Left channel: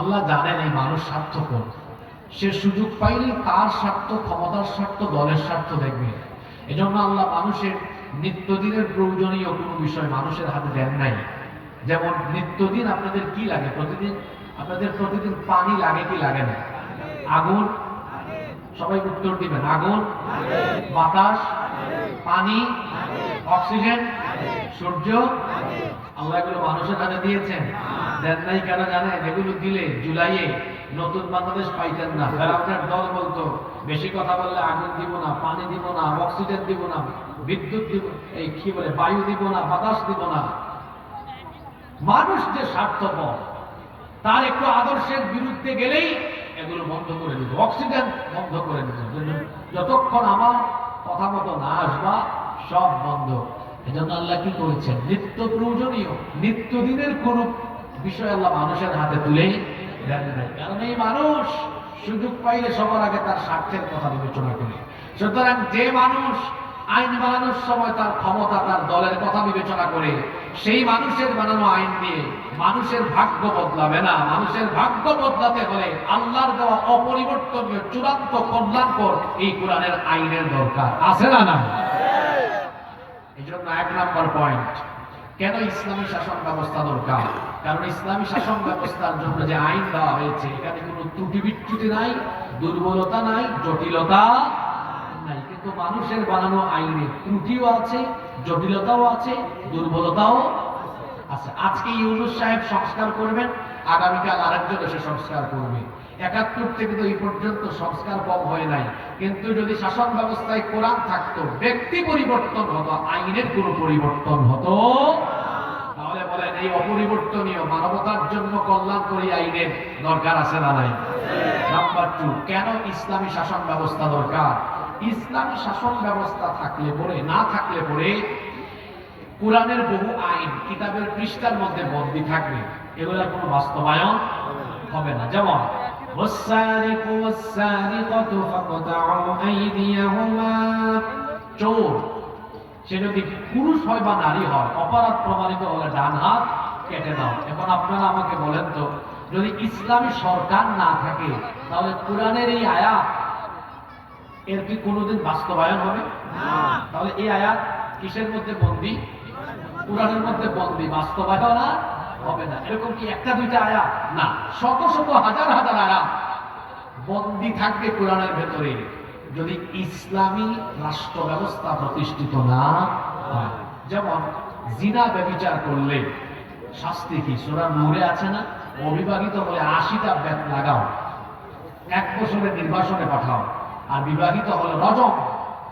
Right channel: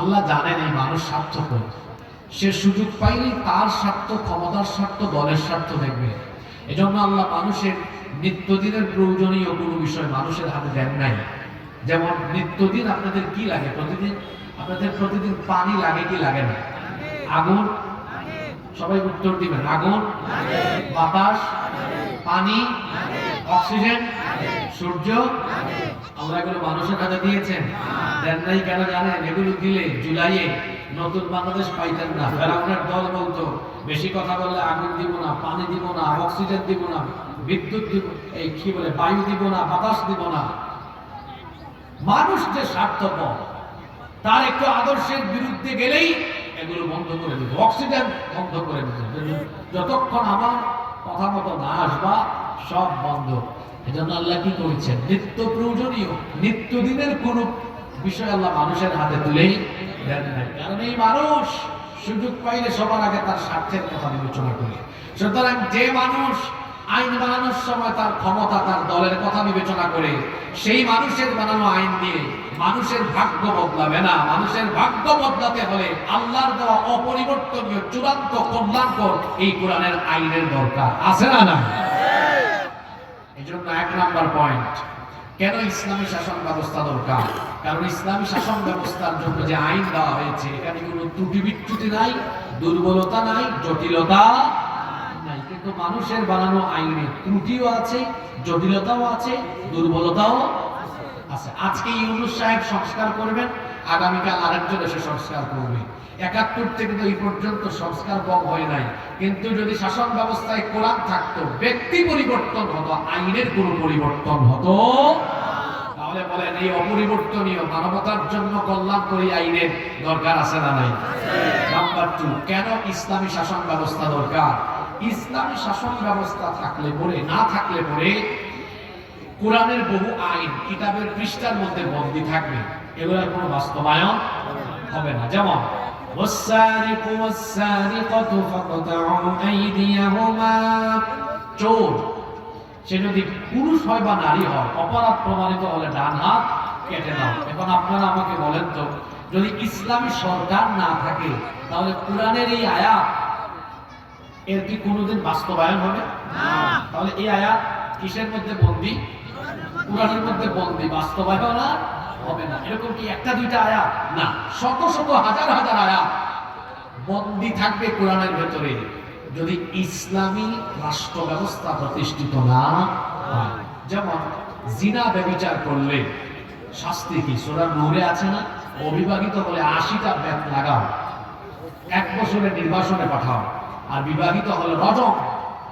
আল্লাহ জানেন এই মানুষ স্বার্থপর। সে সুযোগ পাইলে তার স্বার্থ, ক্ষমতার স্বার্থ, দলের স্বার্থ দেখবে। এজন্য আল্লাহ মানুষের নিত্যদিনের প্রয়োজনীয় কোনো বিষয় মানুষের হাতে দেন নাই। যেমন নিত্যদিন আপনাদের কি লাগে? প্রতিদিন আপনাদের প্রতিদিন পানি লাগে কি লাগে না? আগুন? সবাই উত্তর দিবেন। আগুন? বাতাস? পানি? অক্সিজেন? সূর্য? আল্লাহ এগুলো মানুষের কাছে দিয়েছেন। দেন নাই কেন জানেন? এগুলো দিলে জুলাইয়ে নতুন বাংলাদেশ পাইতেন না। ফেরাউনের দল বলতো, বেশি কথা বললে আগুন দিব না, পানি দিব না, অক্সিজেন দিব না, বিদ্যুৎ দিব, এই কি বলে, বায়ু দিব না, বাতাস দিব না। মানুষ যে স্বার্থপর, তার একটু আদর্শের বিরুদ্ধে গেলেই এগুলো বন্ধ করে দিবে, অক্সিজেন বন্ধ করে দিবে। যতক্ষণ আমার কথা মতো না আসবা, সব বন্ধ। আল্লাহ কি করেছেন? নিত্য প্রয়োজনীয় কোন বিষয় আল্লাহ মানুষের হাতে দেন কারণ এই মানুষ সুযোগ পাইলে সবার আগে তার স্বার্থের কথা বিবেচনা করে। সুতরাং যে মানুষ আইন বানানোর সময় তার ক্ষমতা, তার দলের কথা বিবেচনা করে, সেই মানুষের বানানো আইন দিয়ে মানুষের ভাগ্য বদলাবে না। মানুষের ভাগ্য বদলাতে হলে আল্লাহর দেওয়া অপরিবর্তনীয়, চূড়ান্ত কল্যাণকর এই কোরআনের আইনের দরকার। আছে না না এই জন্য এক নাম্বার পয়েন্ট কেন ইসলামী শাসন ব্যবস্থা দরকার? কারণ ইসলামী শাসন ব্যবস্থার জন্য যে আইন দেওয়া হয়েছে এখানে কোনো ত্রুটি বিচ্যুতি নাই, দুর্বলতা নাই, জটিলতা নাই। কিন্তু মানুষের বানানো আইনে ত্রুটিও আছে, জটিলতাও আছে, দুর্বলতাও আছে। আজকে ইউনুস সাহেব সংস্কার করবেন, আগামীকাল আরেকজন এসে সংস্কার করবে। একাত্তর থেকে তো এই পর্যন্ত সংস্কার কম হয় নাই। কিন্তু যদি শাসন ব্যবস্থায় কোরআন থাকতো, ব্যক্তি পরিবর্তন হতো, আইনের কোনো পরিবর্তন হতো তাহলে বলেন, এই অপরিবর্তনীয় মানবতার জন্য আইনের দরকার আছে না নাই? নাম্বার টু কেন ইসলামী শাসন ব্যবস্থা দরকার? ইসলামী শাসন ব্যবস্থা থাকলে পরে, না থাকলে পরে কোরআনের বহু আইন কিতাবের পৃষ্ঠার মধ্যে বন্দী থাকবে। এগুলোর কোনো বাস্তবায়ন হবে না। যেমন والسارق والسارقة فاقطعوا أيديهما চোর সে যদি পুরুষ হয় বা নারী হয় অপরাধ প্রমাণিত হলে ডান হাত কেটে দাও এখন আপনারা আমাকে বলেন তো যদি ইসলামী সরকার না থাকে তাহলে কোরআনের এই আয়াত এর কি কোনোদিন বাস্তবায়ন হবে তাহলে এই আয়াত কিসের মধ্যে বন্দী কোরআনের মধ্যে বন্দী বাস্তবায়ন আর হবে না। এরকম কি একটা দুইটা আয়া না। শত শত হাজার হাজার আয়া বন্দি থাকবে কোরআনের ভেতরে। যদি ইসলামী রাষ্ট্র ব্যবস্থা প্রতিষ্ঠিত না যেমন জিনা ব্যবিচার করলে শাস্তি কি? সোরা নূরে আছে না? অবিবাহিত বলে আশিটা ব্যাত লাগাও। এক বছরের নির্বাসনে পাঠাও। আর বিবাহিত হলে রজম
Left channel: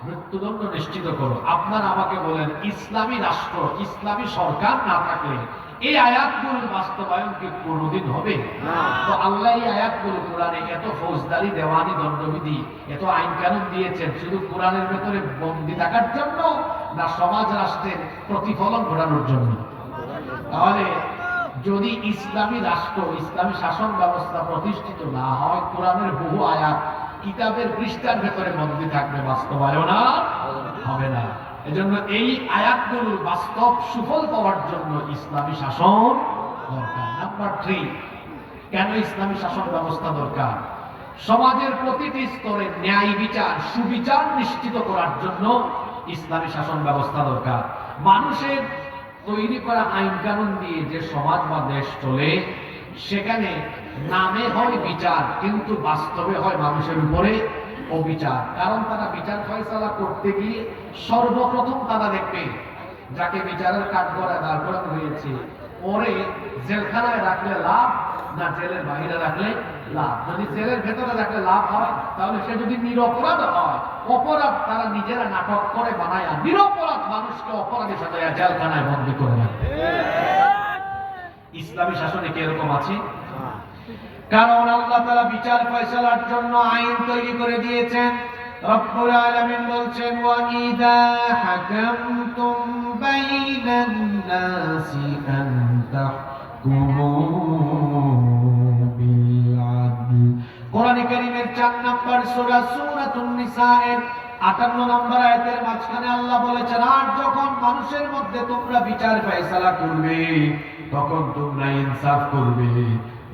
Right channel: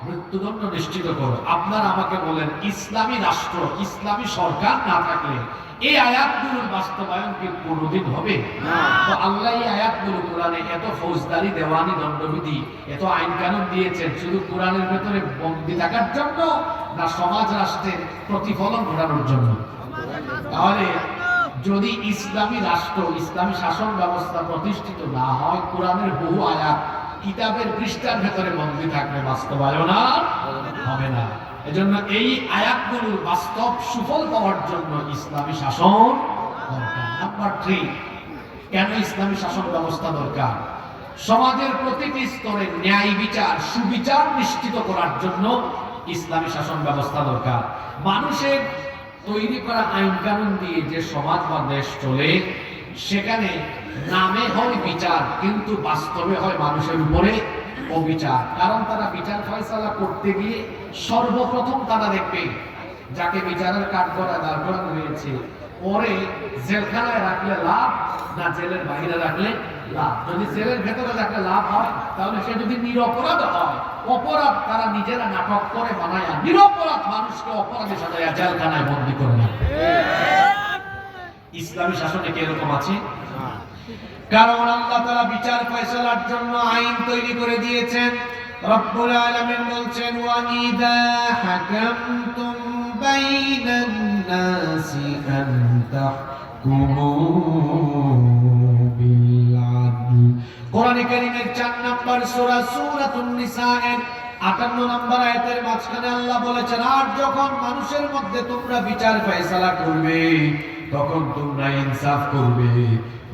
মৃত্যুদণ্ড নিশ্চিত করো। আপনার আমাকে বলেন ইসলামী রাষ্ট্র ইসলামী সরকার না থাকলে এই আয়াতগুলোর বাস্তবায়ন কি কোনোদিন হবে? তো আল্লাহ এই আয়াতগুলো কোরআনে এত ফৌজদারি দেওয়ানি দণ্ডবিধি এত আইন কানুন দিয়েছেন শুধু কোরআনের ভেতরে বন্দী থাকার জন্য না সমাজ রাষ্ট্রের প্রতিফলন ঘটানোর জন্য? তাহলে যদি ইসলামী রাষ্ট্র ইসলামী শাসন ব্যবস্থা প্রতিষ্ঠিত না হয় কোরআনের বহু আয়াত কিতাবের পৃষ্ঠার ভেতরে বন্দী থাকবে বাস্তবায়ন হবে না। এজন্য এই আয়াতগুলো বাস্তব সুফল পাওয়ার জন্য ইসলামী শাসন দরকার। নাম্বার থ্রি কেন ইসলামী শাসন ব্যবস্থা দরকার? সমাজের প্রতিটি স্তরে ন্যায় বিচার, সুবিচার নিশ্চিত করার জন্য ইসলামী শাসন ব্যবস্থা দরকার। মানুষের তৈরি করা আইন কানুন দিয়ে যে সমাজ বা দেশ চলে, সেখানে নামে হয় বিচার কিন্তু বাস্তবে হয় মানুষের উপরে অবিচার। কারণ তারা বিচার ফয়সালা করতে গিয়ে সর্বপ্রথম তারা দেখবে যাকে বিচারের কাঠগড়ায় দাঁড় করানো হয়েছে। ওরে জেলখানায় রাখলে লাভ না জেলের বাইরে রাখলে লাভ। যদি জেলের ভেতরে রাখলে লাভ হয় তাহলে সে যদি নিরপরাধ হয় অপরাধ তারা নিজেরা নাটক করে বানায় নিরপরাধ মানুষকে অপরাধে সাজায় জেলখানায় বন্দী করে না ইসলামী শাসনে কি এরকম আছে? কারণ আল্লাহ তাআলা বিচার ফয়সালার জন্য আইন তৈরি করে দিয়েছেন। রব্বুল আলামিন বলছেন ওয়া ইদা হাকামতুম বাইনান নাসি আন তাহকুমু বিল আদল কারীমের 4 নম্বর সূরা সূরাতুন নিসা এর 58 নম্বর আয়াতের মাঝখানে আল্লাহ বলেছেন, আর যখন মানুষের মধ্যে তোমরা বিচার ফয়সালা করবে, তখন তোমরা ইনসাফ করবে।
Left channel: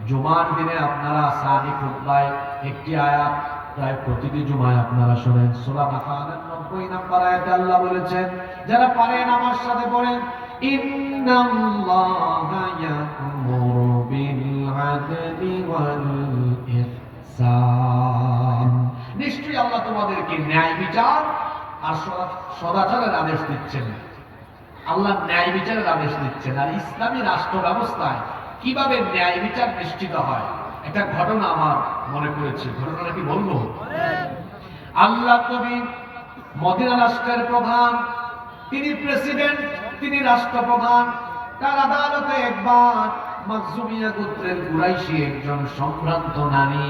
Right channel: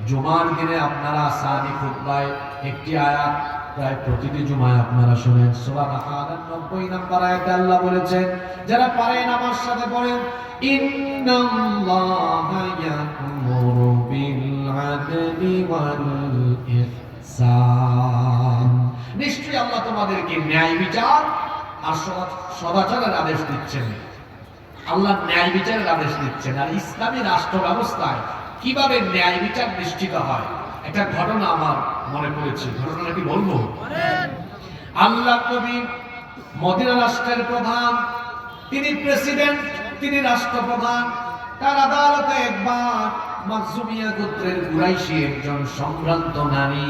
জুমার দিনে আপনারা সানি খুতবায় একটি আয়াত প্রায় প্রতিটি জুমায় আপনারা শোনেন। বাকারার 90 নম্বর আয়াতে আল্লাহ বলেছেন, যারা পারেন আমার সাথে পড়েন, ইন্নাল্লাহা ইয়া'মুরু বিল আদলি ওয়াল ইহসান নিশ্চয়ই আল্লাহ তোমাদেরকে ন্যায় বিচার আর সদা- সদাচারের আদেশ দিচ্ছেন। আল্লাহ ন্যায় বিচারের আদেশ দিচ্ছেন আর ইসলামী রাষ্ট্র ব্যবস্থায় কীভাবে ন্যায় বিচার নিশ্চিত হয়? একটা ঘটনা আমার মনে পড়েছে। ঘটনাটা কি বলব? আল্লাহ নবী মদিনা রাষ্ট্রের প্রধান, তিনি প্রেসিডেন্ট, তিনি রাষ্ট্রপ্রধান। তার আদালতে একবার মাকজুমিয়া গোত্রের কুরাইশি একজন সম্ভ্রান্ত নারী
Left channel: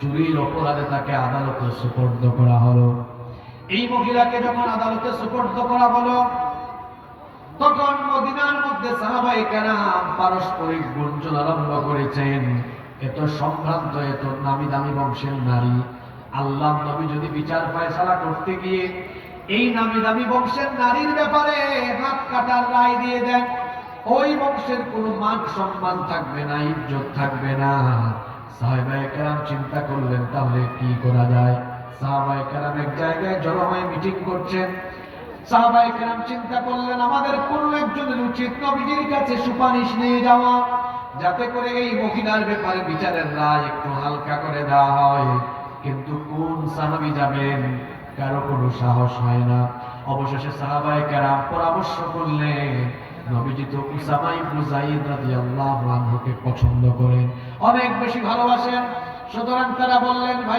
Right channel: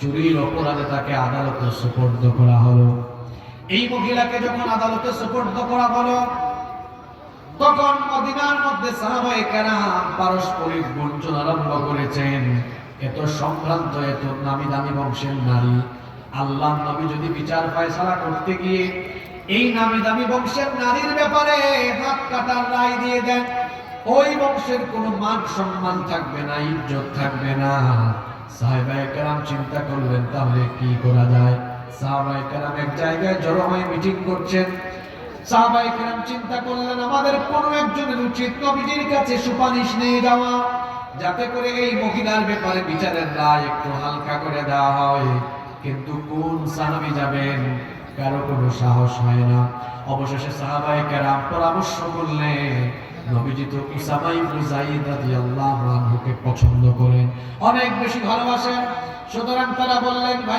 চুরির অপরাধে তাকে আদালতে সুপর্দ করা হলো। এই মহিলাকে যখন আদালতে সুপর্দ করা হলো তখন মদিনার মধ্যে সাহাবাই কেরাম পারস্পরিক গুঞ্জন আরম্ভ করেছেন। এত সম্ভ্রান্ত এত নামি দামি বংশের নারী। আল্লাহ নবী যদি বিচার ফয়সালা করতে গিয়ে এই নামি দামি বংশের নারীর ব্যাপারে হাত কাটার রায় দিয়ে দেন, ওই বংশের কোনো মান সম্মান থাকবে না, ইজ্জত থাকবে না। সাহেবাই কেরাম চিন্তা করলেন, তাহলে কি করা যায়? সাহাবাই কেরাম এক জায়গায় জড়ো হয়ে মিটিং করছেন। সাহাবাই কেরাম চিন্তা করলেন, আমাদের একজনের উচিত নবীজির কাছে সুপারিশ নিয়ে যাওয়া, যাতে করে এই মহিলার ব্যাপারে বিচারের রায় একটু হালকা করে দেওয়া হয়। কিন্তু কোন সাহাবি যাবেন? কারও কোনো সাহস হয় না। অবশেষে সাহাবাই কেরাম পরামর্শ করলেন, নবীজি তো পছন্দ করেন। অনেক বেশি ভালোবাসেন। সুতরাং তারা বললেন, ভাই